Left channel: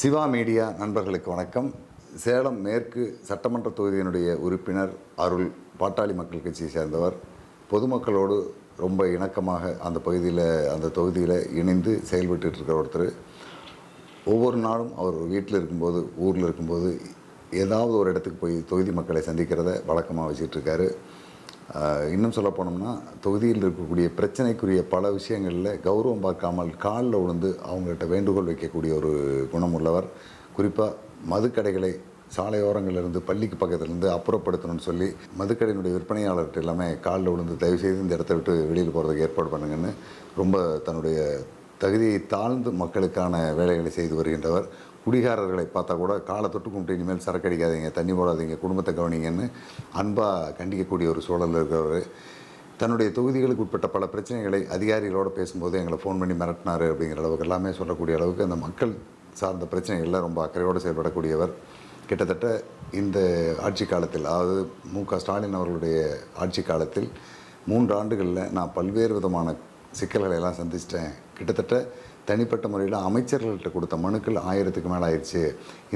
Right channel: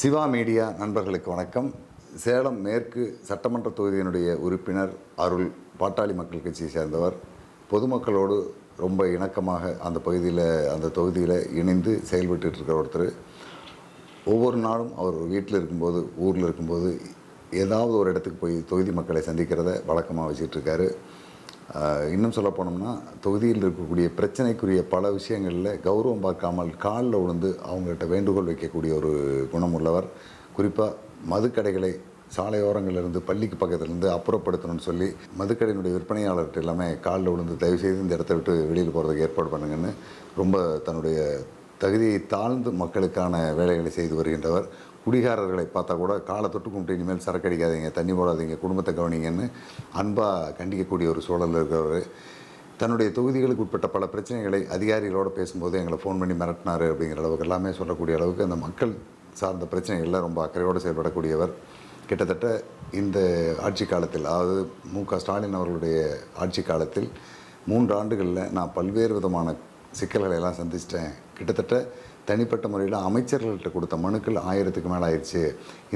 Siva media நண்பர்களுக்கு வணக்கம். சேலம் மேற்கு சட்டமன்ற தொகுதியினுடைய உறுப்பினர் அருள் பாட்டாளி மக்கள் கட்சியை சேர்ந்தவர். பொதுமக்களோடு ரொம்ப இணக்கமாக அந்த பகுதியில் அந்த தொகுதியில் இணைந்து செயல்பட்டு இருக்கிற ஒருத்தர். ஒவ்வொரு நாளும் அவர் வீட்டில் இருக்கும்போது ஊரில் இருக்கும்போது ஏதாவது ஒரு இடத்துக்கு போய் தொகுதி மக்களை சந்திக்கிறத வழக்கமாக வச்சுட்டு இருக்காரு. இன்னும் சொல்ல போனோம்னா தொகுதியில் இருக்கக்கூடிய பிரச்சனைக்குரிய பல விஷயங்களில் கௌரவம் பார்க்காமல் காலில் விழுந்து அவங்கள்ட்ட வேண்டுகோள் வைக்கக்கூடிய ஒரு குணம் உள்ளவர். குறிப்பாக மதுக்கடைகளை சாலையோரங்களிலிருந்து பள்ளிக்கு பக்கத்துலேருந்து அப்புறப்படுத்தணும்னு சொல்லி மதுக்கடையினுடைய விற்பனையாளர்கிட்ட எல்லாமே காலில் விழுந்து தயவுசெய்து இந்த இடத்த விட்டு வெளியில் போகிறதுக்கு ஏற்பாடு பண்ணுங்கன்னு ரொம்ப தன்னுடைய தகுதியை தாழ்ந்து மக்களுக்கான வேலைகளை செய்து வருகின்றவர். குடிகாரர்களை பார்த்தா கூட காலை தொட்டு கும்பிட்டு இனிமேல் சரக்கு அடிக்காதீங்க தண்ணி போடாதீங்க குடும்பத்தை கவனிங்கன்னு அன்பாக கண்டிக்கக்கூடிய ஒரு சூழலில் இருக்கிறவர். தன்னுடைய தொகுதிகளுக்கு உட்பட்ட பல பிரச்சனைகளை அதிகாரிகளோடு பேசும்போது எங்களை ஃபோன் பண்ணி மிரட்டினார் அப்படிங்கிற அளவுக்கு எல்லாமே சொல்லக்கூடிய அளவுக்கு அந்த மக்கள் சார்ந்த பிரச்சனைகளில் ரொம்ப அக்கறையோடு செயல்படக்கூடியவர். கிட்டத்தட்ட இந்த ஆட்சி காலத்தில் அதாவது மு க ஸ்டாலின் அவர்களுடைய ஆட்சி காலத்தில் மூன்று ஆண்டுகளில் நான் பல்வேறு விதமான சிக்கல்களை எல்லாம் சந்திச்சிட்டேன். கிட்டத்தட்ட தனிப்பட்ட முறையில் அமைச்சர்கள்ட்ட கொடுத்த மனுக்கள் ஆயிரத்துக்கு மேலே ஆயிடுச்சு.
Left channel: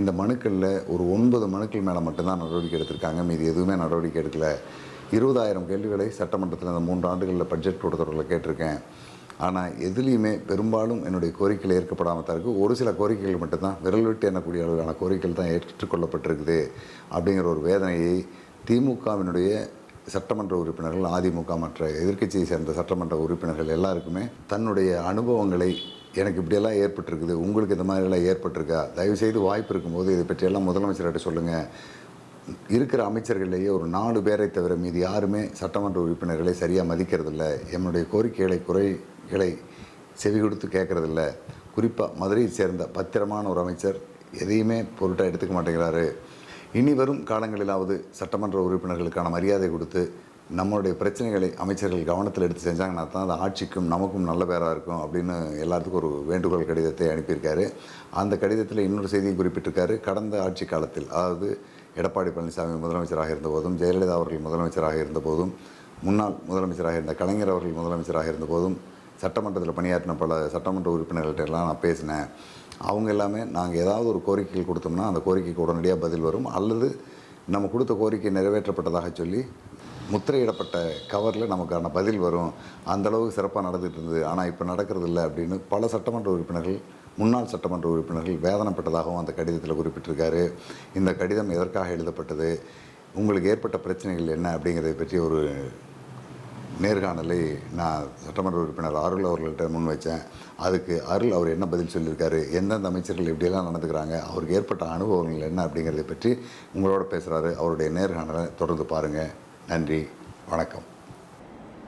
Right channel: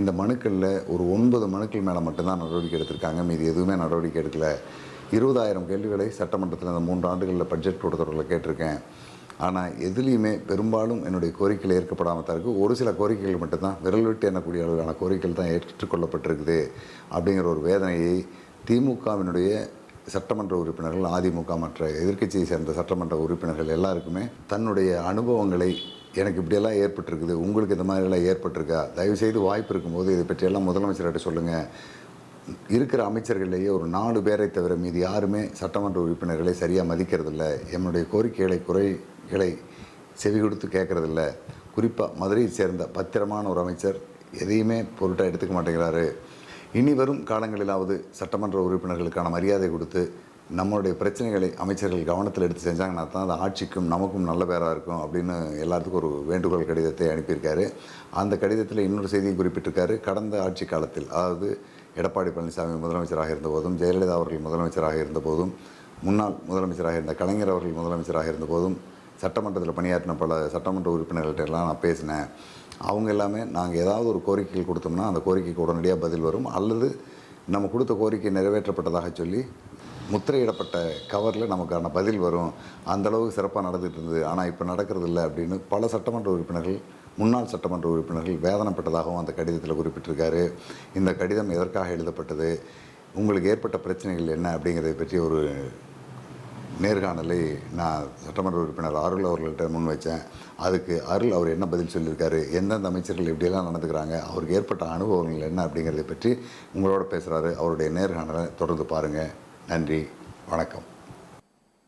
இந்த மனுக்களில் ஒரு ஒன்பது மனுக்கள் மேலே மட்டும்தான் நடவடிக்கை எடுத்திருக்காங்க. மீதி எதுவுமே நடவடிக்கை எடுக்கல. இருபதாயிரம் கேள்விகளை சட்டமன்றத்தில் இந்த மூன்று ஆண்டுகளில் பட்ஜெட் கூட்டத்தொடரில் கேட்டிருக்கேன். ஆனால் எதுலேயுமே பெரும்பாலும் என்னுடைய கோரிக்கைகள் ஏற்கப்படாமல் தான் இருக்குது ஒரு சில கோரிக்கைகள் மட்டும்தான் விரல் விட்டு எண்ணக்கூடிய அளவிலான கோரிக்கைகள் தான் ஏற்றுக்கொள்ளப்பட்டிருக்குது அப்படிங்கிற ஒரு வேதனையை திமுகவினுடைய சட்டமன்ற உறுப்பினர்கள் அதிமுக மற்ற எதிர்க்கட்சியை சேர்ந்த சட்டமன்ற உறுப்பினர்கள் எல்லாருக்குமே தன்னுடைய அனுபவங்களை எனக்கு இப்படியெல்லாம் ஏற்பட்டிருக்குது உங்களுக்கு இந்த மாதிரிலாம் ஏற்பட்டிருக்கா? தயவுசெய்து வாய்ப்பு இருக்கும்போது இதை பற்றியெல்லாம் முதலமைச்சர்கிட்ட சொல்லுங்கள் இருக்கிற அமைச்சர்கள்லேயே ஒரு நாலு பேரை தவிர மீது யாருமே சட்டமன்ற உறுப்பினர்களை சரியாக மதிக்கிறதில்ல. என்னுடைய கோரிக்கைகளை குறைகளை செவி கொடுத்து கேட்கறதில்ல. குறிப்பாக மதுரையை சேர்ந்த பத்திரமான ஒரு அமைச்சர் எதையுமே பொருட்டாக எடுத்துக்க மாட்டேங்கிறாரு. இனி வரும் காலங்களிலாவது சட்டமன்ற உறுப்பினர்களுக்கான மரியாதை கொடுத்து நம்மளுடைய பிரச்சனைகளை அமைச்சர்கள் கவனத்தில் எடுத்து செஞ்சாங்கன்னா தான் அது ஆட்சிக்கும் நமக்கும் நல்ல பேராக இருக்கும் அப்படின்னு எல்லாத்துக்கும் ஒரு வேண்டுகோள் கடிதத்தை அனுப்பியிருக்காரு. அந்த கடிதத்தில் இன்னொரு செய்தியை குறிப்பிட்டிருக்காரு. கடந்த ஆட்சி காலத்தில் அதாவது எடப்பாடி பழனிசாமி முதலமைச்சராக இருந்தபோதும் ஜெயலலிதா அவர்கள் முதலமைச்சராக இருந்தபோதும் முன்னாள் முதலமைச்சராக இருந்த கலைஞர் அவர்கள் முதலமைச்சராக இருந்தபோதும் சட்டமன்றத்தில் பணியாற்றின பல சட்டமன்ற உறுப்பினர்கள்ட்ட எல்லாம் நான் பேசினேன். அவங்க எல்லாமே நாங்கள் ஏதாவது ஒரு கோரிக்கைகள் கொடுத்தோம்னா அந்த கோரிக்கைக்கு உடனடியாக பதில் வரும். அல்லது நம்ம கொடுத்த கோரிக்கை நிறைவேற்றப்பட்டதாக சொல்லி முத்திரையிடப்பட்ட கவரில் நமக்கான பதில் வரும். அந்த அளவுக்கு சிறப்பாக நடந்துட்டு இருந்தது. ஆனால் இப்போ நடக்கிறது இல்லை அப்படின்னு பல சட்டமன்ற உறுப்பினர்கள் முன்னாள் சட்டமன்ற உறுப்பினர்கள் வேதனைப்பட்டதாகவும் அந்த கடிதத்தில் குறிப்பிட்டிருக்காரு. இந்த கடிதம் எதற்காக எழுதப்பட்டது? உங்களுக்கு ஏற்பட்ட பிரச்சனைகள் என்ன? அப்படிங்கிறதை பற்றி ஒரு நேர்காணலை நான் சட்டமன்ற உறுப்பினர் அருள் அவர்கள்ட்ட முன் வச்சேன். அதுக்கு அருள் அவர் என்ன பதில் சொல்லியிருக்காரு? எந்தெந்த அமைச்சர்கள் எப்படியெல்லாம் நடந்துக்கிறாங்க? அவருக்கு ஏற்பட்ட அனுபவங்கள் என்ன? அப்படிங்கிறத பற்றி உங்களோட பேசுகிறாரு அவருடைய நேர்காணலை தொடர்ந்து பாருங்கள் நன்றி வணக்கம்.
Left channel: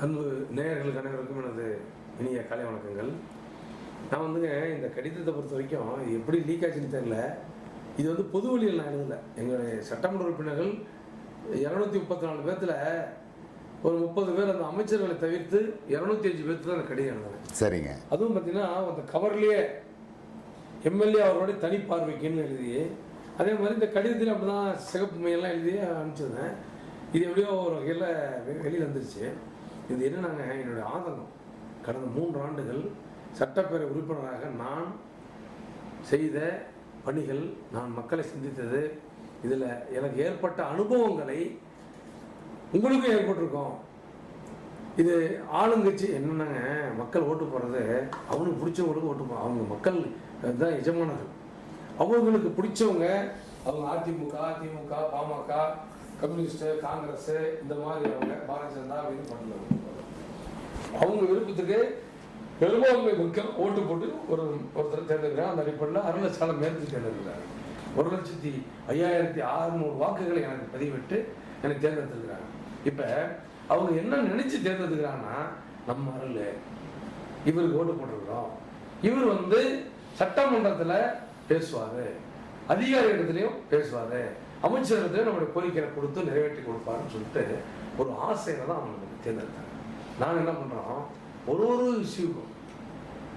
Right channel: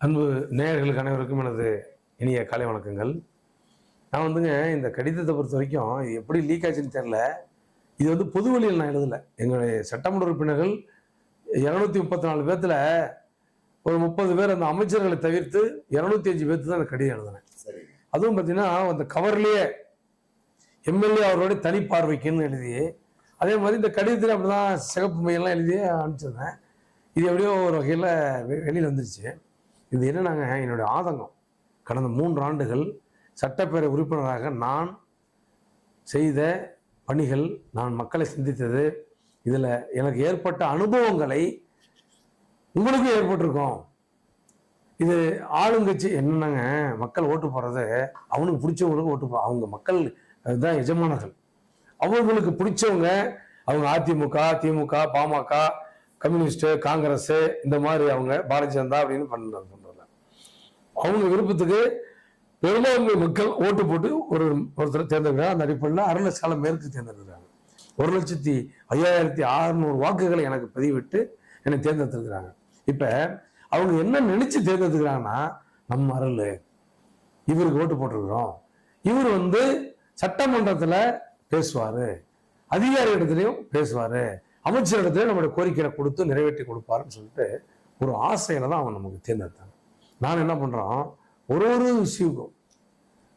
அன்பு நேயர்களுக்கு அனைவருக்கும் எனது இனிய காலை வணக்கங்கள். நான் வந்துங்க இந்த கடிதத்தை பொறுத்த வரைக்கும் எப்படி லீக் ஆச்சுன்னு தெரில இது வந்து பொது வழியில் நான் எழுதலை. எங்களுடைய சட்டமன்ற உறுப்பினர்கள் இரநூத்தி முப்பத்தி நாலு பேர்த்தில் ஒரு முப்பது பேர் அந்த அமைச்சர்களை தவிர்த்து இரநூத்தி அஞ்சு பேர்த்து தான் கடிதம் எழுதுனேன். சரிங்க. அதுவும் பார்த்தீங்கன்னா அந்த கவர்லேயே எம்எல்ஏ அவர்களுடைய தனி பார்வைக்குன்னு எழுதி அதே மாதிரி இந்த கடிதத்தில் அப்படி தான் சிகப்பு மையெல்லாம் எழுதி அனுப்பிச்சிருந்தேன். இது எப்படியோ ஒரு வகையில் வெளியில் வந்துச்சு இது என்னன்னாங்க என்னுடைய ஆதங்கம். கடந்த மூன்று ஆண்டுகள் சட்டப்பேரவை உறுப்பினராக நான் செய்த பணிகள் நான் மக்களை சிந்தித்தது இதில் எனக்கு ஏற்பட்ட அனுபவங்களை உங்களுக்கும் ஏற்பட்டிருக்கும். இது ஆளுங்கட்சி என்னன்னாங்க மக்கள் ஓட்டு போடுறது அவனுக்கு பிடிச்சவங்களுக்கு ஓட்டு போ அவங்க மக்கள் தான் எஜமானர்கள். அவங்களுக்கு பிடிச்சவங்க அவங்க அதிமுக திமுக பாமக கம்யூனிஸ்ட் காங்கிரஸ் இந்த மாதிரி அவங்க பாரதிய ஜனதா அப்படின்னு பண்ணுவாங்க. அவங்க விருப்பத்துக்கு பெரும்பான்மை மக்கள் ஓட்டு போட்டு ஒரு ஒருத்தர் தேர்ந்தெடுக்கிறார் அந்த அடிப்படையில் அரை லட்சம் பேருக்கு தேர்ந்தெடுக்கிறாங்க. ஒரு லட்சத்தி ஐயாயிரத்தி அறுநூறு வாக்குகளை எனக்கு பதிவிட்டு என்னை தேர்ந்தெடுத்துருக்குறாங்க. இப்போ அவங்க என்ன நினைச்சு தேர்ந்தெடுக்கிறாங்கன்னா நம்ம அருள். இவருக்கு ஓட்டு போட்டிருக்கிறோம். இவர் வந்து சட்டமன்றத்தில் பேசுவார். அதிகாரி இடத்துலையும் பேசுவார். அமைச்சர் இடத்துல நம்மளுடைய கோரிக்கையை கொடுத்து நிறைவேற்றி கொடுப்பாருன்னு சொல்லிட்டு ஒரு ஆசையில தான் அவன் நமக்கு தேர்ந்தெடுத்தாங்க நான் என்ன பண்றோம்? ஒரு ஒரு விஷயம்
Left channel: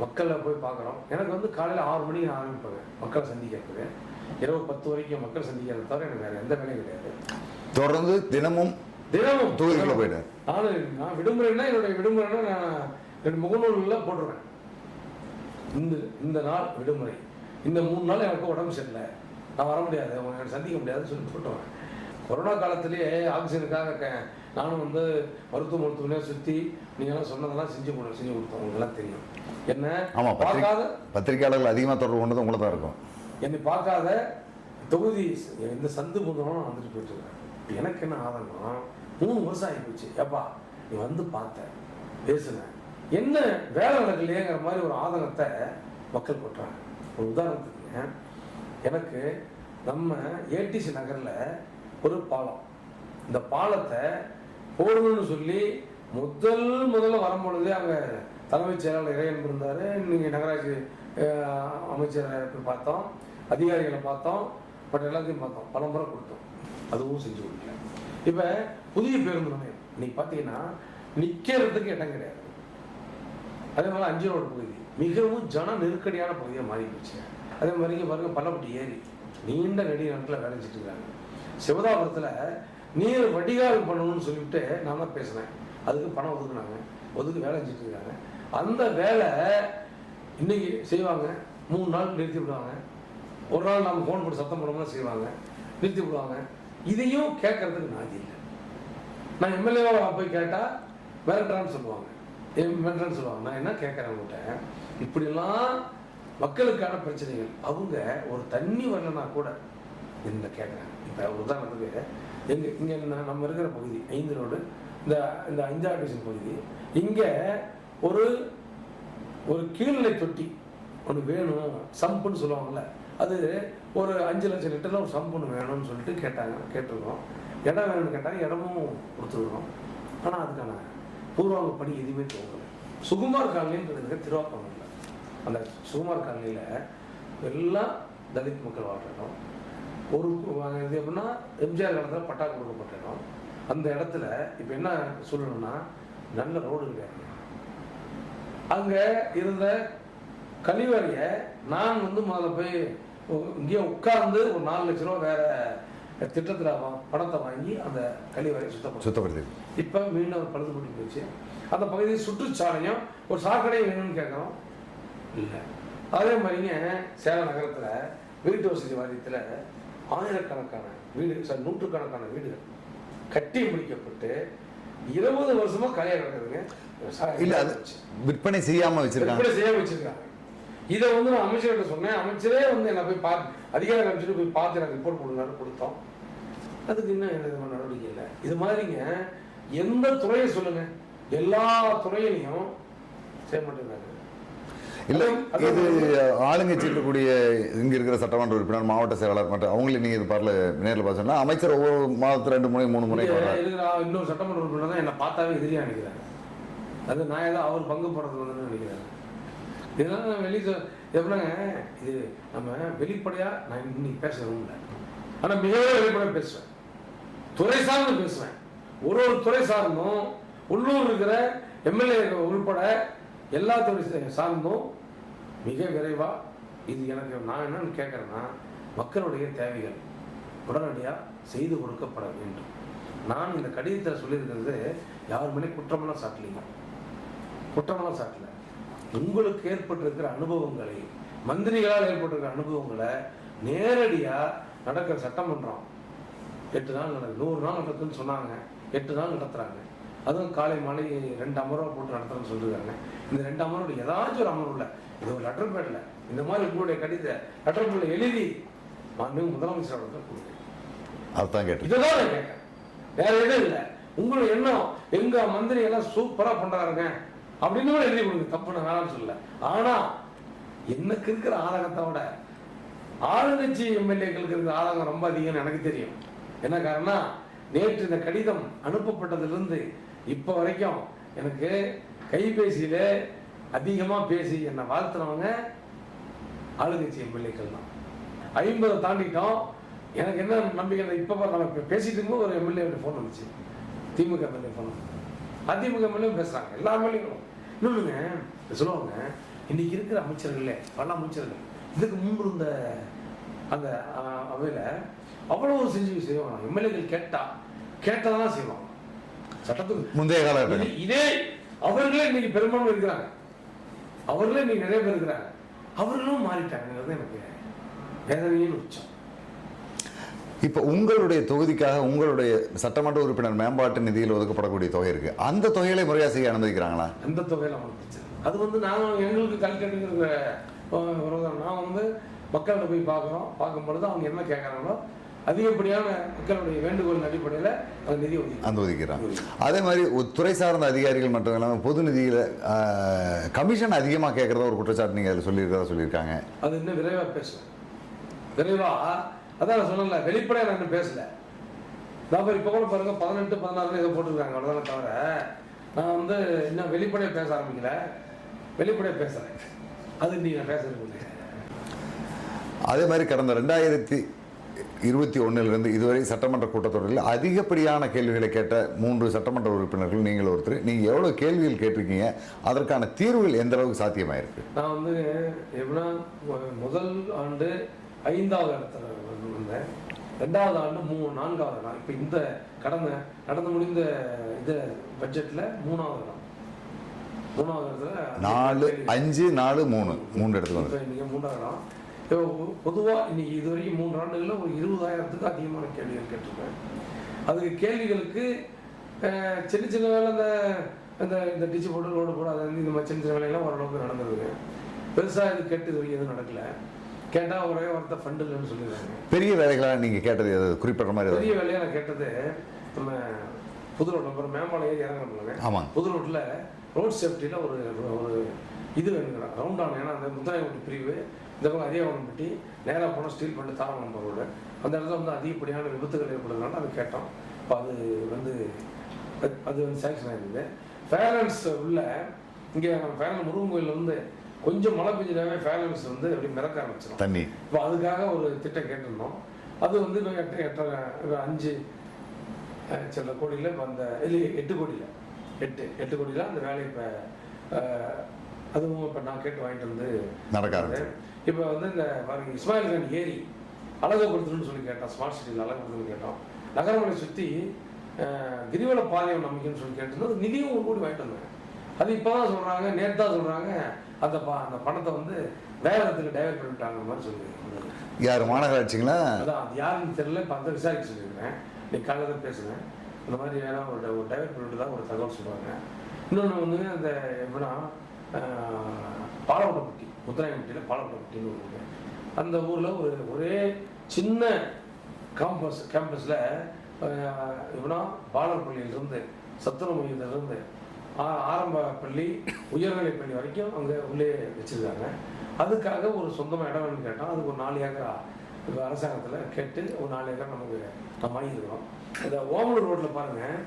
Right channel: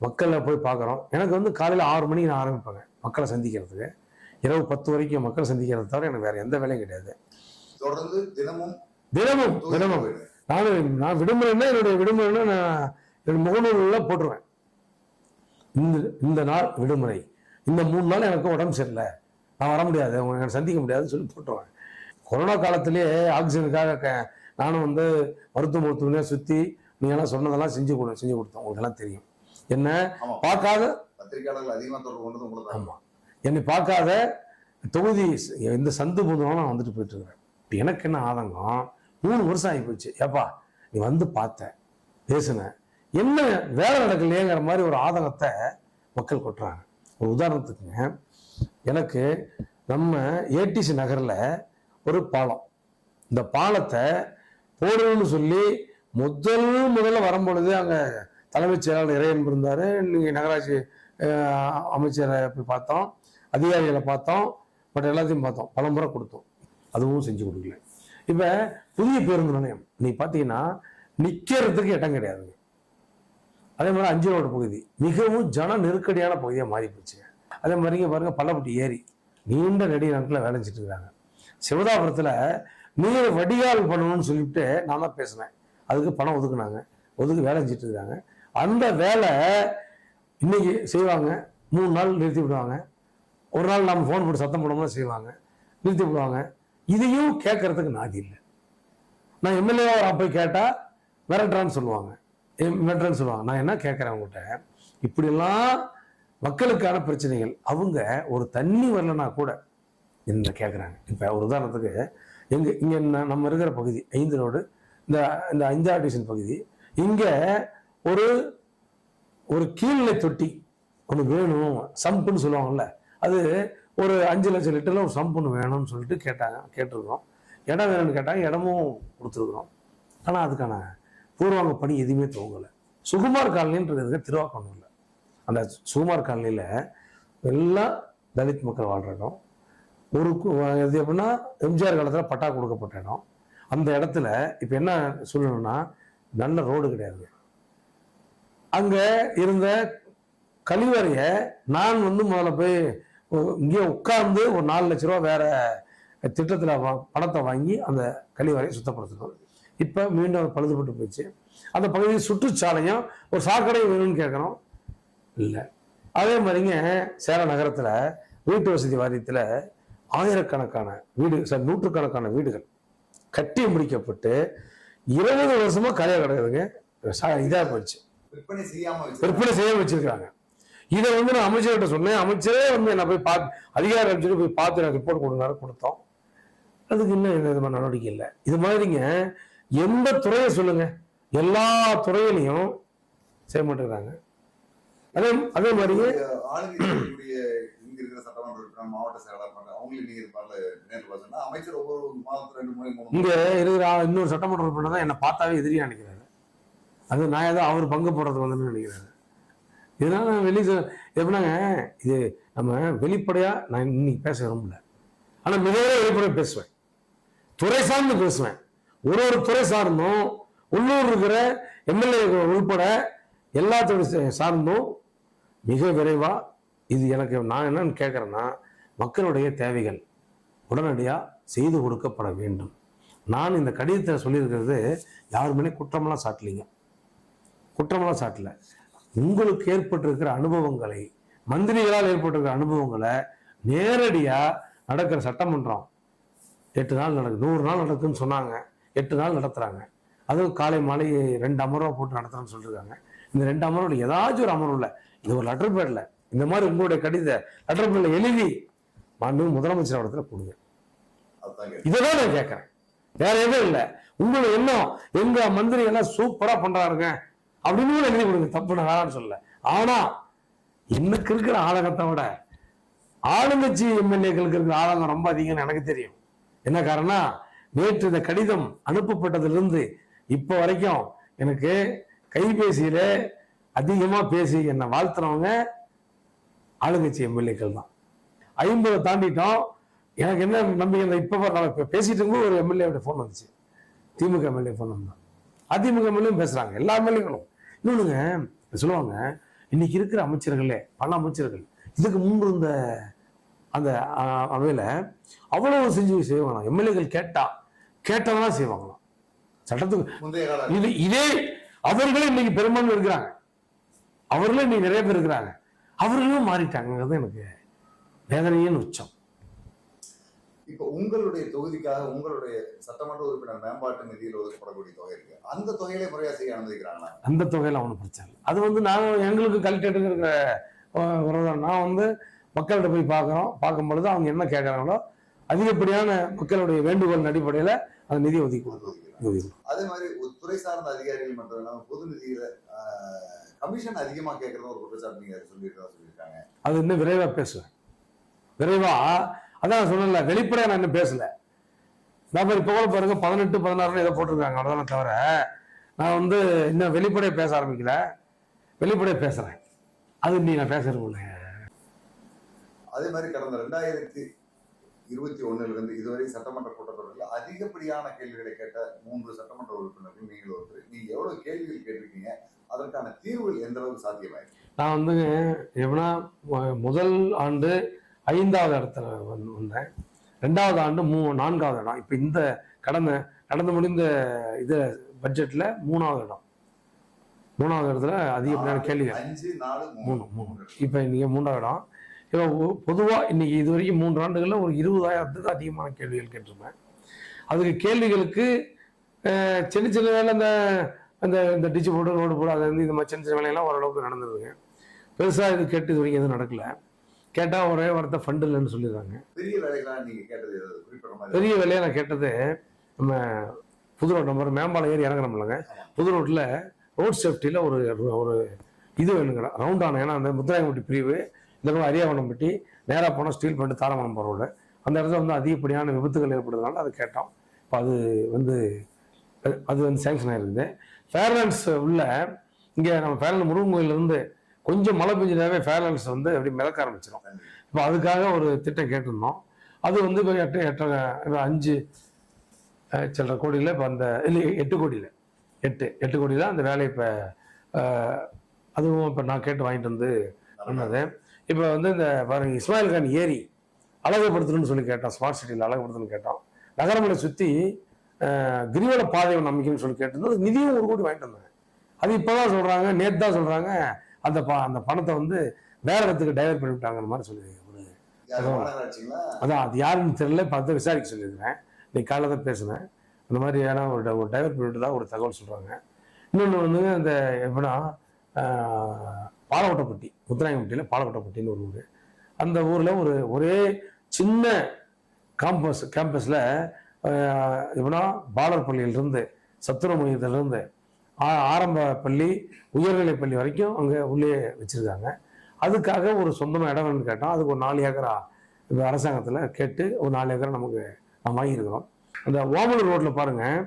மக்களை போய் பார்க்குறோம். எனக்கு வந்து காலையில் ஆறு மணிக்கு நான் ஆரம்பிப்பேங்க. மக்களை சந்திக்கிறதுக்கு. இரவு பத்து வரைக்கும் மக்களை சந்திக்கிறத தவிர எனக்கு வேற எந்த வேலையும் கிடையாது. தொடர்ந்து தினமும் தினமும் தினமும். நான் நான் விடுமுறைன்னா என்னுடைய விடுமுறைன்னா நான் என் முகநூலில் போட்டுருவேன். இந்த இந்த நாள் விடுமுறை. இந்த மூணு நாள் எனக்கு உடம்பு சரியில்லை. நான் வர முடியாது உங்களை சந்திக்க முடியாதுன்னு சொல்லி சொல்லிட்டுருவேன் கொரோனா காலத்திலேயே ஆக்சிஜனுக்காக க- நானும் வந்து மருத்துவ மருத்துவமே சுற்றி நீங்களாம் சொன்னதெல்லாம் செஞ்சு கொடு செஞ்சு கொடுத்தோம். உங்களுக்குலாம் தெரியும். என்ன? ஆமா பார்க்காத பத்திரிகையாளர்கள் அதிகமாக தொடர்பு கொண்டது உங்களை தான் இருக்கும். என்னை பார்க்காத தொகுதி இந்த சந்து மூலம் நான் வந்துட்டு போயிட்டு இருக்கேன். இப்ப எனக்கு என்ன ஆதங்கம்? மூணு வருஷம் ஆகி போச்சு. ஏப்பா நீ வந்து பார்த்த பேசுன என்ன வேலை நடக்கலையேங்கிற மாதிரி ஒரு ஆதங்கத்தை மக்கள் கொட்டுறாங்க. ஒரு உதாரணத்துக்குங்க எனக்கு நம்ம ஏடிசி நகரில் ஒரு பாலம். இந்த பாலத்தை போடணும்னு சொல்லி முதல் முதல்ல வரும்பொழுது அங்கே தலைமைச் செயலாளர் இறையன் இருந்தார். நீங்கள் நகராட்சி அமைச்சரை போய் பார்த்தோம். அதிகாரிகளை பார்த்தோம். பட் எல்லாத்தையும் பார்த்தோம். பல முறை கொடுத்தோம். அதுவும் செஞ்சு கொடுக்கல இப்போ புதிய பேருந்து நிலையம். நீ பார்த்தீங்கன்னா நிற்கிறதுக்கு இடம் கிடையாது. அதே மாதிரி அஞ்சு ரோடு பகுதி. மிகவும் ஜன நெருக்கடியான பகுதியாக மாறி போச்சு அதே மாதிரி பாருங்க பள்ளப்பட்டி ஏரி. நீண்ட நெடிய நாட்டில் வேலை செஞ்சுருக்காங்க சிவதாபுரத்தில் நீர் வடிகால் பண்ணணும்னு சொல்லிட்டு நான் தான் பேசினேன். அதுக்கு பணம் ஒதுக்குனாங்க. ஒதுக்கு வேலை செஞ்சுட்டு இருக்காங்க அந்த வேலை இன்னைக்கு செய்வாங்க. மூணு நாள் நிறுத்தி விடுவாங்க. ஒரு நாள் நம்ம ஃபோன் போட்டு சத்தம் போடாமல் செய்வாங்க. நிறுத்தி விடுவாங்க. இதையும் கேட்கறதுக்கு நாதி இல்லை. நான் எம்எல்ஏ போய் கேட்டால் வேறன்றான்னு சொல்லுவாங்க. சொல்லுவாங்க. நான் என்ன கேட்குறேன் அவங்ககிட்ட இப்படிலாம் மக்களுக்கான பிரச்சனைகள். அவங்க ஒரு தண்ணி வரலனா கூட என்ன கேட்குறாங்க இப்போ உதாரணத்துக்கு எங்கே இங்கே நம்ம இருக்கிற பகுதி ஐந்து ரோடு இந்த இந்த ஐந்தாடிஷன் பகுதி இங்கே ஒரு ஒரு கீழ்நிலை தொட்டி ஒன்று வேணும் சம்புன்னு சொல்லுவாங்கல்ல. அது ஒரு அஞ்சு லட்சம் லிட்டரில் ஒரு சம்புன்னு வேணும்னு சொல்லிட்டு கேட்டாங்க கேட்டிருக்கோம். இடம் வேணும்னு கேட்டாங்க இடமும் கொடுத்துருக்கோம். ஆனால் அதுக்கான பூர்வாங்க பணி எதுவுமே தோங்கலை சுகுமார் காலனின்றது இருக்க அந்த சுகுமார் காலனியில் எல்லாம் தலித் மக்கள் வாழ்ற இடம். ஒரு இது எப்படின்னா எம்ஜிஆர் காலத்தில் பட்டா கொடுக்கப்பட்ட இடம். அந்த இடத்துல இப்போ என்ன சொல்லணும்னா நல்ல ரோடு கிடையாது. அங்க இருந்த கழிவறைய நான் வந்து முதல்ல போய் இங்கே உட்கார்ந்து ஒரு நாலு லட்ச ரூபா வேற திட்டத்துல பணத்தை வாங்கி அந்த கழிவறை சுத்தப்படுத்த சுத்தப்படுத்தி இப்ப மீண்டும் பழுதுபட்டு போச்சு அந்த பகுதியில் சுற்றுச்சாலையும் ஒரு சாக்கடை வேணும்னு கேட்குறோம். இல்லை. அதே மாதிரிங்க சேலம் நகரத்துல வீட்டு வசதி வாரியத்துல ஆயிரக்கணக்கான வீடு சார் நூற்றுக்கணக்கான வீடுகள் கட்டி முடிக்கப்பட்டு இருபது வருஷமா கரையா கிடையாதுங்க இதா போச்சு. விற்பனை செய்யாம வச்சிருக்காங்க. விற்பனை செய்ய வச்சிருக்காங்க. இதை வந்து நான் அமைச்சர்கிட்ட சொன்னேன். அமைச்சரே வந்து நான் போய் பார்த்து அதிகாரி அமைச்சர் போய் பார்த்து எனக்கு ரிப்போர்ட் கொடுங்க கொடுத்தோம். அதுக்கு இன்னும் எந்த விதமான நடவடிக்கை இல்லை. இது மாதிரிங்க எந்த துறையை சொல்லுங்க? எல்லா துறையிலையும் செய்ய மாட்டேங்கிறாங்க அதே- அதே மாதிரி ஆளுங்கட்சி இருக்கக்கூடிய இங்க இருக்கிற சட்டமன்ற உறுப்பினர் மாவட்ட செயலாளர் மற்றும் அவங்களை நீங்க இது பாருல நேரில் பார்த்தோம்னா அமைச்சர் ஒவ்வொரு மாதத்துல ரெண்டு மூணு இருக்கிற ஆ- இன்னொரு சட்டமன்ற உறுப்பினர் தான் என்னை பார்த்தாவே எதிரியா நினைக்கிறாரு. அது நான் ஏதோ அவர் பங்கு போடுறதுக்கு வந்து நினைக்கிறாரு. இதெல்லாம் நான் வெளியே எப்படின்னாங்க இது நம்ம வெளிப்படையா நான் இன்னைக்கு பேச விரும்பல. ஆனா மிகவும் வெளிப்படையா பேசுவேன். துறை சார்ந்து பேசுவேன். ஒரு ஒரு துறை சார்ந்தும் உள்ளூர் இருக்கிற எம்எல்ஏ உள்பட எல்லா துறை சார்ந்தும் மிக விரைவாக இது எனக்கு நான் என்னன்னு கேட்குறேன்னா மக்களுடைய தேவைகள் உடனடியாக செய்து கொடுக்கப்பட வேண்டும். நான் இந்த கடிதத்தை சொல்லியிருக்கிறது யார் மேலே குற்றமெல்லாம் சாட்டலைங்க. குற்றமெல்லாம் சாட்டல. உங்களுக்கு ஏற்பட்டிருக்கிற அனுபவங்களை மந்திரிகளால் ஏற்பட்டிருக்கிற அனுபவங்களை நேரடியாக நடக்கிற சட்டமன்றம் எட்டு நாள் நடக்கு நூறு நாள் நடக்குதுன்னு சொன்னாங்க. எட்டு நாள் நடத்துகிறாங்க அதுவும் காலை மாலை ரெண்டு அமர்வாக போட்டு நடத்துறேன்னு சொல்லியிருக்காங்க. இந்த ரெண்டு அமர்வில் ஏதாச்சும் ஒரு அமர்வில் இது ஒரு லெட்டர் பேர்ல இந்த மாதிரி உங்களுடைய கடித லெட்டர் பேர்ல எழுதி மாண்பு முதலமைச்சர் இடத்துல கொடுங்க. அதுதான் கேட்டேன். இதுதான் நான் கேட்கறேன். வேற எதுவும் இல்லை. உங்களுடைய எண்ணம் எங்க மந்திரி எல்லாம் சூப்பரா பண்றாருங்க. அப்படின்னு கூட எழுதி கொடுங்க. தப்பு நான் சொல்ல ஆனா இன்னைக்கு இருக்கிற ஆளகத்தை விட ஆளுங்கட்சி எம்எல்ஏக்களுக்கு இருக்கிற ஆளகம் ரொம்ப அதிகம்னு எனக்கு தெரியும். என்ன காரணம் நேற்று இந்த கடிதம் அனுப்பப்பட்டதிலிருந்து இப்போ வரைக்கும் எனக்கு கைபேசியில அதிகமா பேசி என்னை வாழ்த்துறவங்க ஆளுங்கட்சி எம்எல்ஏக்கள் தான். ஐம்பது தாண்டிட்டோம். எனக்கு என்ன நம்பிக்கை இப்போ இப்போ பேசிட்டு இருக்கும்போது ஒரு எம்எல்ஏ ஃபோன் வந்துச்சு. திமுக எம்எல்ஏ ஃபோன் வந்து. அதிமுக எம்எல்ஏ பேசுறாங்க. எல்லா எம்எல்ஏக்களும். இன்னொன்னுங்க சொல்லுவாங்க இன்னைக்கு இருக்கிற அமைச்சர்களே பல அமைச்சர்கள் இதுக்கு முன்பு இருந்த அந்த அவையில அவ்வளவு செஞ்சு செய்வாங்க. எம்எல்ஏக்கள் கேட்டா கேட்டவங்க செய்வாங்க. சட்டத்துக்கு முந்தைய இதே அவர்களே இன்னைக்கு பெரும்பான்மை இருக்கிறாங்க. அவர்களே இன்னைக்கு நிறைய பேர் இருக்கிறாங்க. அவர்களும் மாறிட்டாங்கிறது எனக்கு வேதனையின் உச்சம். இப்போ உங்களுடைய தொகுதிக்காக உங்களுடைய சட்டமன்ற உறுப்பினர் மேம்பாட்டு நிதியில் ஒதுக்கப்படக்கூடிய தொகை இருக்கு. அந்த தொகைகளை முறையாக செய்ய அனுமதிக்கிறாங்களா? அந்த தொகையில் அவனுக்கு பிரச்சனை. அது வந்து நான் எங்களுக்கு கல்கேட்டுங்கிற நான் வந்து மக்கள்கிட்ட போய் பார்க்குறோம். பார்க்கும்பொழுது அவங்க என்ன கேட்குறாங்களோ அதிகப்படியான மக்களுடைய வேண்டுகோள் அடிப்படையில் அந்த நிதி ஒதுக்கி அந்த ஒதுக்கிறாங்க அதே மாதிரி துறை சார்ந்த அதிகாரிகள் மட்டும் இல்லாமல் பொது நிதியில் கமிஷன் அதிகமாக கேட்குறத ஒரு குற்றச்சாட்டு நீங்கள் அதில் சொல்லியிருக்கிறதா சொல்லியிருக்காங்க. அது இன்னும் விரைவாக பேசுவேன் விரைவாக அதான் சொல்லல வெளிப்படையாக நான் இன்னும் பேசல. நான் இப்போ கூட பாருங்க பதினெட்டு பதினாறு இதை போட்டிருக்காங்க அவ்வளோதானே தவிர நான் வந்து இன்னும் வெளிப்படையாக பேச ஆரம்பிக்கல. வெளிப்படையாக பேசுகிறேன் அது நீ நான் பேசுறது அதே மாதிரி கடந்த ரெண்டாயிரத்தி இருபத்தி ஒன்றிலிருந்து இதுவரை சட்டமன்ற கூட்டத்தொடரில் அதிகப்படியான கேள்விகளை கேட்ட மூன்று சட்டமன்ற உறுப்பினர்கள் நீங்கள் ஒருத்தர். நீங்கள் எவ்வளோ கேள்விகள் கேட்டிருக்கீங்க? அதற்கான தீர்வுகள் எந்த அளவுக்கு சாத்தியமாயிருக்கு? நான் வந்து எப்படின்னா முதல் ஆண்டு ஐந்தாவது இடத்துல வந்து வந்தேன். ரெண்டாவது ஆண்டு மூ நான்காவது இடம். இப்போ இந்த கடந்த நடந்து முடிந்த இது பட்ஜெட்டில் மூணாவது இடம். மூணாவது இடத்துல கேள்வி அஞ்சு நாலு மூணு. மூணு இடத்துல. இப்போ இன்னைக்கு மூணாவது இடம். பொதுவாக இன்னைக்கு இது வரைக்கும் மூன்று ஆண்டுகளில் ஒரு இருபதாயிரத்துக்கு அதிகமான கேள்விகள் கேட்டிருக்கேன் அதுக்கு கேள்விகளுக்கு சின்ன சின்ன வேலை இந்த இந்த இந்த டிச்சு போட்டு ரோடு போடாது இந்த மாதிரி சின்ன சின்ன வேலையெல்லாம் ஓரளவுக்கு நடந்ததுங்க. பெருசாக இது கேட்டு இது வரைக்கும் எதுவும் நடக்கல. கேட்டால் ஒரே வார்த்தை ஃபண்டு இல்லைன்னு சொல்லிடுறாங்க. பெரிய வேலைகளாக நீங்கள் கேட்டது குறிப்பிட்ட மாதிரி? பெரிய வேலையாக நான் கேட்டது நம்ம புது ரோட் நம்பர் மேம்பாலம் ஏறி இறங்கணும்லங்க ஆமாம் புது ரோட்டில் ரோட் சேஃப்டியில் ஒரு ஒரு இது வேணுங்கிறேன் ரவுண்ட் ஆன ஏன்னா அந்த முத்துராயம்பட்டி பிரிவு இந்த பக்கம் அரியாவனம்பட்டி நேராக போனால் ஸ்டீல் பண்ணிட்டு தாரமணம் போகிற அந்த இடத்துல வந்து அதிகப்படியான விபத்துகள் ஏற்படுறதுனால அது கேட்டோம். இப்போ அது வந்து அது- வந்து சேங்ஷன் ஆயிருந்து ஃபேர்லன்ஸ் உள்ள இங்கே நம்ம ஃபேர்லன் முருகன் கோயிலேருந்து கொஞ்சம் மழை பெஞ்சினாவே ஃபேர்லன்ஸ் வந்து அப்படி மிதக்க ஆரம்பிச்சிடும் தண்ணி. இப்போ அதுக்காக ஒரு திட்டம் கேட்டிருந்தோம். அது வந்து இப்போ எட்டு எட்டரை அஞ்சு சில்லற கோடியில் இப்போ அந்த இல்லை எட்டு கோடியில். எட்டு எட்டு கோடியில் அந்த வேலை இப்போ அதுவும் இப்போ நான் கேட்டு வாங்கிட்டு வந்து நடக்காது. இப்போ வந்து இந்த பாருங்க இஸ்மாயில் கான் ஏரி அழகுபடுத்தணும்னு சொல்லி கேட்டோம் ஸ்மார்ட் சிட்டியில் அழகுபடுத்தணும்னு கேட்டோம் நகரமலை சுற்றி கிரிவல பாதை ஒன்று அமைக்கணும்னு சொல்லி கேட்டிருந்தோம் நிதியும் ஒரு கோடி வாங்கிட்டு வந்தாங்க. அது இப்போதான் சொல்றாங்க நேத்து தான் சொல்றாங்க அந்த ப- அந்த பணத்தை வந்து வேற இடத்துக்கு டைவர்ட் பண்ணிவிட்டாங்க மாதிரி சொல்லி யார் மாநகராட்சிங்களா? அதான் அது யாருன்னு தெரியல இப்போ அதை விசாரிக்க சொல்லியிருக்கேன் நீ காலைல தான் பேசுனேன். இந்த மாதிரி யாராவது ஒரு ஒரு டைவர்ட் பண்ணிட்டு தான் ஒரு தகவல் சொல்லுவாங்க இன்னொன்று வந்து அந்த எப்படின்னா பாலவட்டப்பட்டி முத்துராயம்பட்டியில் பாலக்கோட்டைப்பட்டியில் ஒன்று அந்த ஊரில் ஒரு ஒரே சின்ன காம்பஸ் கேம்பஸில் இவனா பாலர் பள்ளியிலிருந்து சத்துர மையத்திலிருந்து ஆ- ஆரம்ப பள்ளி உயர்நிலை பள்ளி வரைக்கும் அங்கே உள்ளே வச்சுருக்காங்க. அதுக்காக ஒரு சொந்தமாக இடம் வேணும்னு கேட்டோம். அதுக்கு ஒரு நாலு ஏக்கரா அரசாங்கத்தில் கேட்டு ஒரு நாலு ஏக்கரை நமக்கு நான் வாங்கியிருக்கிறோம். இந்த ஓமலூர் ரோட்டில் பாருங்கள்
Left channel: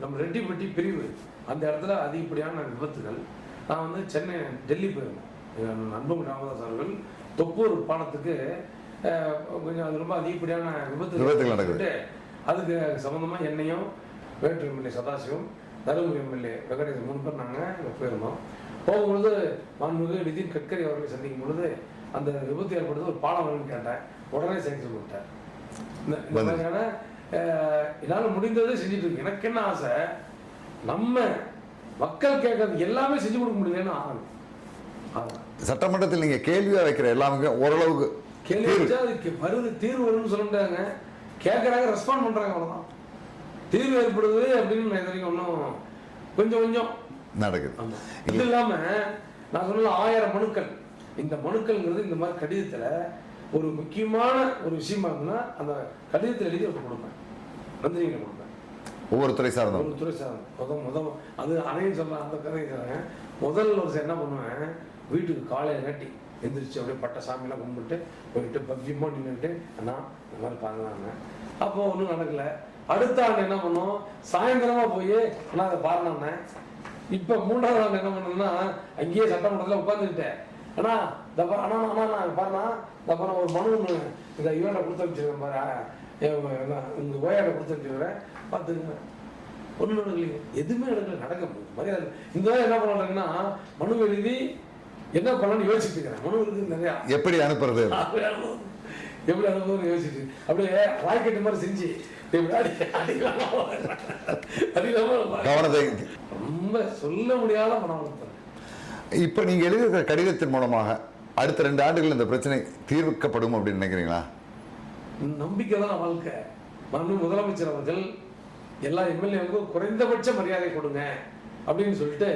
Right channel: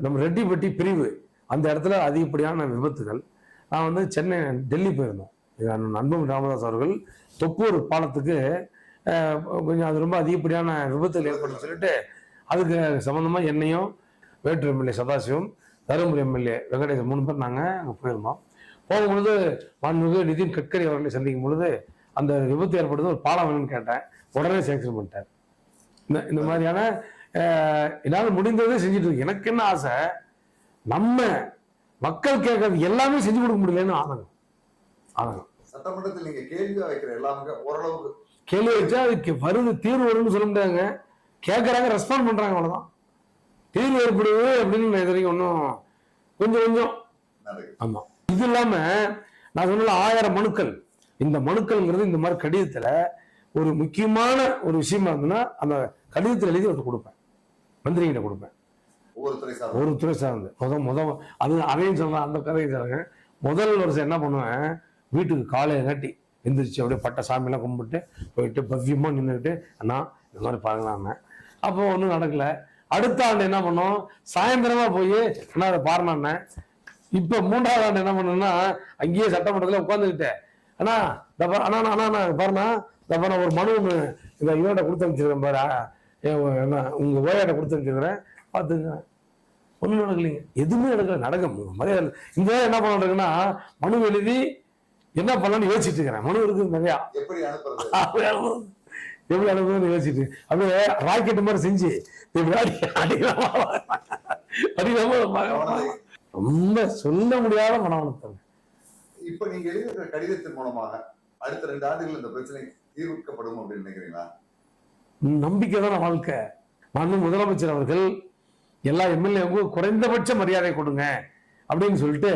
நம்ம ரெட்டிப்பட்டி பிரிவு. அந்த இடத்துல அதிகப்படியான விபத்துகள். நான் வந்து சென்னை டெல்லி போயிருந்தோம் இது அண்ணன் அன்புமணி ராமதாஸ் அவர்கள். தொப்பூர் பாலத்துக்கு கொஞ்சம் அது ரொம்ப அதிகப்படியான நடக்குது. சொல்லிட்டு அதுக்கு சம்மந்தமாக என்னையும் வேட்டூர் எம்எல்ஏ சதாசிவம் தருமபுரி எம்எல்ஏ வெங்கடேசன் மூணு பேர் நாங்கள் போயிருந்தோம் போகும்பொழுது மாண்புமிகு நிதின் கட்கரி அவர்களை சந்திக்கும் பொழுது அந்த விபத்து ஏற்படுது ஒரு பாலம் வேணும்னு கேட்டேன். உடனே சேங்ஷன் பண்ணிட்டார். இந்த மாதிரியான என்னால் முடிந்ததை செஞ்சுட்டு இருக்கு எனக்கு என்ன ஆசை? நம்ம மக்கள் கேட்கறது எல்லாமே செஞ்சு கொடுக்க முடியலன்னு ஆகணும் சட்டமன்றத்தில் நீங்கள் கேள்வியாக வைக்கிற எல்லாமே ஓரளவுக்கு கேள்வி வச்சா அதுக்கு வருது தீர்வு வரும்னு சொல்லுறாங்க கேட்கறாங்க ரெஸ்பாண்ட் பண்றாங்க அவ்வளவுதான். தீர்வு ஏற்படுவது அப்படின்னு வரைக்கும் ஒன்றும் கொஞ்சம் கொஞ்சம் நடக்குது. ஆமா. இது இல்லாம நான் சொன்ன ஆயிரம் மனுக்கள். இந்த மனுக்கள்ங்கிறது இந்த மாதிரி கடிதத்துல ஒரு முக்கியமான ஒரு விஷயமா இருந்ததுன்னா அந்த கடிதத்தில் எழுதி ஒரு கொடுப்பேன். மந்திரிகிட்ட கொடுப்பேன். ஒவ்வொரு துறை சார்ந்த? ஒரு துறை சார்ந்து. முதல் முதல் அது அதையும் சொல்லலாம் அந்த கதையும் சொல்லுங்க முதல் வருஷம் என்ன பண்ணுவேன்? வீட்டுக்கு காலையில் கட்டி எந்திரிச்சு அப்படியே பட்ட சாமியெல்லாம் கும்பிட்டு போயிட்டு பவ்யமாக நின்றுட்டு அண்ணா இந்த மாதிரி பாருங்களாங்க அப்போ ஒன்றும் நடக்கல. அடுத்த ஆண்டு என்ன பண்ணோம்? சாயந்தரமாக போய் நான் அதை பாருனாண்ணே இப்போ மூணாவது ஆண்டு என்ன பண்ணோம்னா அங்கேயே சட்டமன்றத்தில் உட்காந்துக்கிட்டேன் அண்ணா தப்பா அண்ணா அண்ணா அண்ணா பாருண்ணா தப்பா ஒரு மனு ஒன்று இந்த இவன்கிட்ட கொடுத்து அனுப்பிச்சிடுறேன் பாரு. என் என்ன உங்கள் ஓயாட்ட கொடுத்து அனுப்பிச்சிடுறேன். பார்த்துக்கிறேன் ஒன்றும் நடக்கலைங்க எதுவுமே நடக்கல நடக்க முடியும் இந்த என்ன பண்ணுறதுன்னா மனு எழுதி என்ன பண்ணலாம்னு யோசிச்சுட்டு இருக்கிறேன். மனு இருக்குது நிறையா எப்படி அனுப்புறது? எவ்வளோ அனுபவம் யோசிச்சுட்டு அப்படியே ராக்கெட் மாதிரி செஞ்சு ரொம்ப சொல்ல முடியாத மனவளத்தை இப்போ நீங்கள் எழுதியிருக்கிற கடிதத்தின் மூலமாக அடுத்த ரெண்டு ஆண்டுகள் இந்த பிரச்சனை தீர்க்கப்படும் அப்படின்னு நினைக்கிறீங்களா? நம்பிக்கை தான் வாழ்க்கை. மாண்பு முதலமைச்சர் அவர்கள் எல்லா எம்எல்ஏவுக்கும் குறைந்தபட்ச மரியாதை கொடுங்க அப்படின்னு சொல்லிட்டு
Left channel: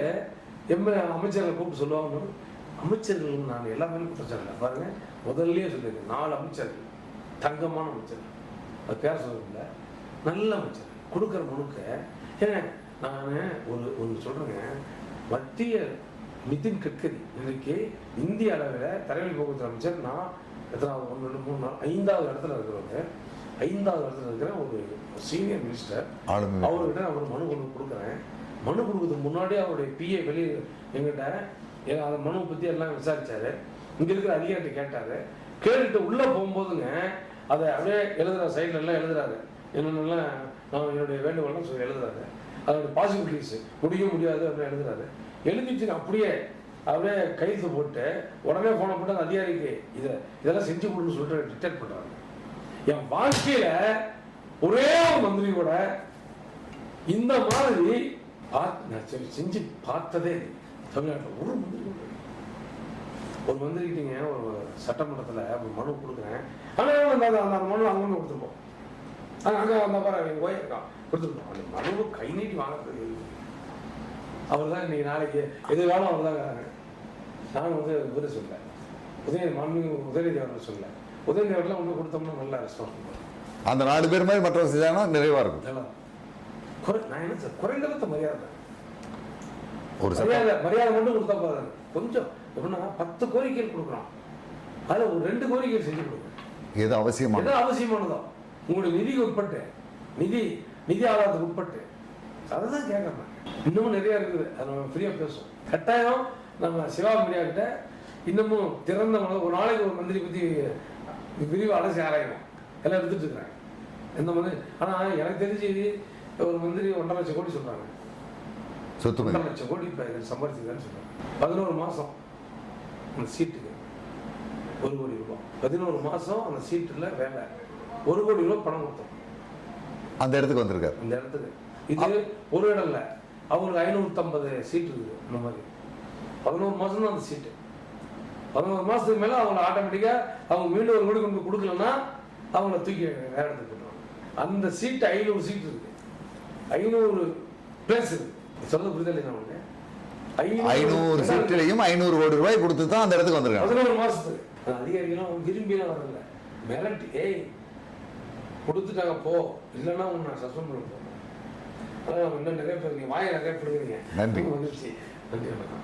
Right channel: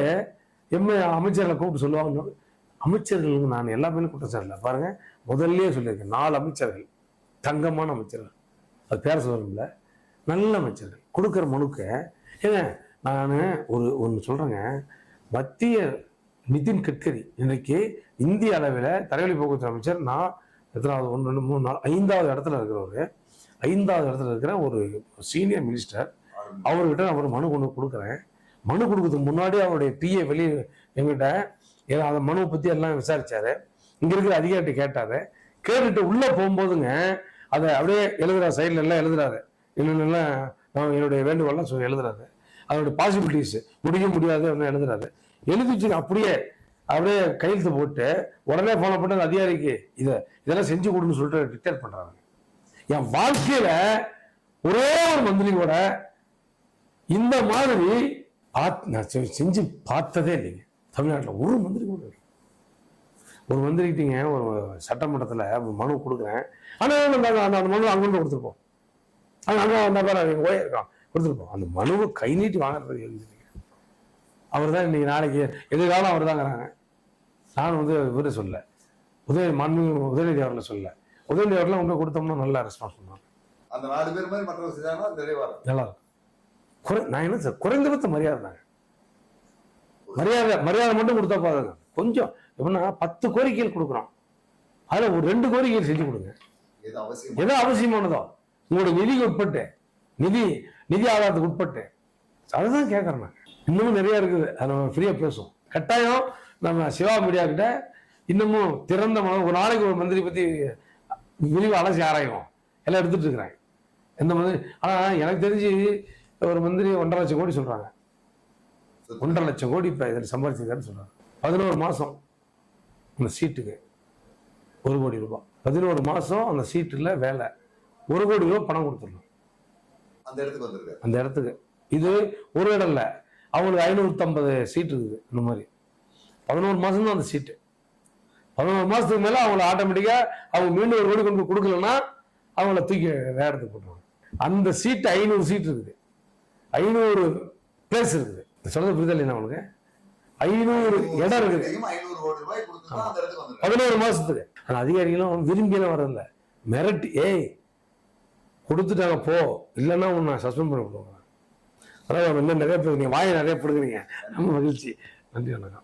எம்எல்ஏ அமைச்சர்களை கூப்பிட்டு சொல்லுவாங்க. அமைச்சர்களுக்கு நான் எல்லாமே குற்றம் சாட்டல பாருங்க முதல்லயே சொல்லியிருக்கேன் நாலு அமைச்சர்கள் தங்கமான அமைச்சர்கள். அது பேர் சொல்லல நல்ல அமைச்சர்கள். கொடுக்குற முழுக்க. ஏங்க நான் ஒரு ஒன்று சொல்கிறேங்க மத்திய நிதின் கட்கரி இன்னைக்கு இந்திய அளவில் தரைவழி போக்குவரத்து அமைச்சர் நான் எத்தனாவது ஒன்று ரெண்டு மூணு நாலு ஐந்தாவது இடத்துல இருக்கிறவர். ஐந்தாவது இடத்துல இருக்கிற ஒரு சீனியர் மினிஸ்டர் அவர்கிட்ட நான் ஒரு மனு கொண்டு கொடுக்குறேன். மனு கொடுக்கறதுக்கு முன்னாடி அவருடைய பிஏ வெளியே எங்கிட்ட அந்த மனுவை பற்றி எல்லாம் விசாரிச்சாரு. இங்க இருக்கிற அதிகாரிட்ட கேட்டாரு. கேட்டுட்டு உள்ள போகும்போதுங்க அதை அப்படியே எழுதுறாரு சைடில் எல்லாம் எழுதுறாரு. என்னென்னலாம் என்னுடைய வேண்டுகோள்லாம் சொல்லி எழுதுறாரு. அதோட பாசிபிலிட்டிஸ் முடிய முடியாது அப்படின்னு எழுதுறாரு. எழுதிச்சு அப்படியே அப்படியே கையெழுத்து போட்டு உடனே போன போட்டு அந்த அதிகாரிக்கு இதை இதெல்லாம் செஞ்சு கொடுன்னு சொல்லிட்டு ரிட்டையர் பண்ணுறாங்க என் வாழ்க்கையில ஒரே ஒரு மந்திரி கூட இந்த மாதிரி பார்த்து நான் செஞ்சு பார்த்ததே இல்லைங்க. தமிழ்நாட்டில் ஒரு மந்திரி. ஒரு மந்திரிக்கிட்டீங்க ஒரு சட்டமன்றத்தில் மனு கொடுக்குறேன். ஆனால் அந்த மனு அங்கே கொடுத்துருப்போம் ஆனால் அந்த பேர் அவங்க போய் கொடுத்துருப்போம் அந்த மனுவை கை நீட்டி வாங்குறது அவர் தான் இன்னைக்கு நாளைக்கு எதிர்காலம் அவர் தாங்கிறாங்க நான் வந்து இவரை சொல்ல உதய மண்ணு உதயநிதி அவர்களை சொல்ல உதயநிதி அவர்லாம் உங்க கொடுத்தோம்னா நல்லா ரெஸ்பான்ஸ் அந்த நாலு பேர் மாதிரி மற்றவங்க செஞ்சாங்கன்னா நிறைவா இருக்கும். நல்லா நான் என்ன சார் குறைந்தபட்ச மரியாதை தான். ஒரு மரியாதை மரியாதை மட்டும் கொடுத்தா பாருங்க கொஞ்சம். எப்படின்னா பத்து கோரிக்கைகள் கொடுக்குறோம் அதில் ஒரு ரெண்டு கோரிக்கைகள் செஞ்சு கொடுங்க. எது அவசியமா? எதோ அவசியமானதோ. உங்களுடைய நிதிக்கு உட்பட்டு நிதி நிதி ஆதாரத்துக்கு உட்பட்டு. அதுதான் கேட்கறேன் நான். இன்னமும் நிறைய இருக்குது. அதை நம்ம ஃப்ரீயாக பேசுவோம். கட்டாயம் நம்ம சிவா மீடியா கிட்ட இன்னமும் திறந்த மன ஒரு நாளைக்கு ஒரு மந்திரி பற்றி விரிவாக அலசி ஆராயும் எல்லாம் எடுத்துட்டு இருக்கிறேன். எந்த மந்திரி ஆனால் எனக்கு தெரிஞ்சு ஒரு மந்திரி ஒன்றரை லட்சம் கோடி சொல்கிறாங்க ஒன்றரை லட்சம் கோடி இப்போ இதில் சம்பாதிச்சிருக்காருன்னு சொல்கிறாங்க பதினோரு மாதம் அந்த சீட்டுக்கு ஒரு கோடி ரூபாய் பதினோரு மாதம் அந்த சீட்டில் வேலை. ஒரு கோடி ரூபாய் பணம் கொடுத்துருக்கோம் அந்த இடத்துக்கு வந்திருக்காரு. அந்த இடத்துக்கு. இது ஒரு இடம் இல்லை அவங்களுக்கு ஐநூற்றம்பது சீட் இருக்குது இந்த மாதிரி. பதினோரு மாதம் தான் அந்த சீட்டு. பதினோரு மாதத்துக்கு மேலே அவங்கள ஆட்டோமேட்டிக்காக அவங்க மீண்டும் ஒரு கோடி கொண்டு கொடுக்கலன்னா அவங்கள தூக்கி வேற இடத்துக்கு அந்த சீட்டு ஐநூறு சீட் இருக்குது. ஐநூறு பிளேஸ் இருக்குது. சொல்றது புரிதல் என்ன உனக்கு? ஐநூறு ஐநூறு கோடி ரூபாய் கொடுத்து தான் அந்த இடத்துக்கு வந்திருக்காங்க. பதினோரு மாசத்துக்கு. அதிகாரிகளும் விரும்பியெல்லாம் வரல. மிரட்டி ஏய் கொடுத்துட்டாங்க போ. இல்லைன்னா உன்னை சஸ்பெண்ட் பண்ண அதான் இன்னும் நிறைய பேர் இருக்கீங்க. வாயை நிறைய. மகிழ்ச்சி. நன்றி வணக்கம்.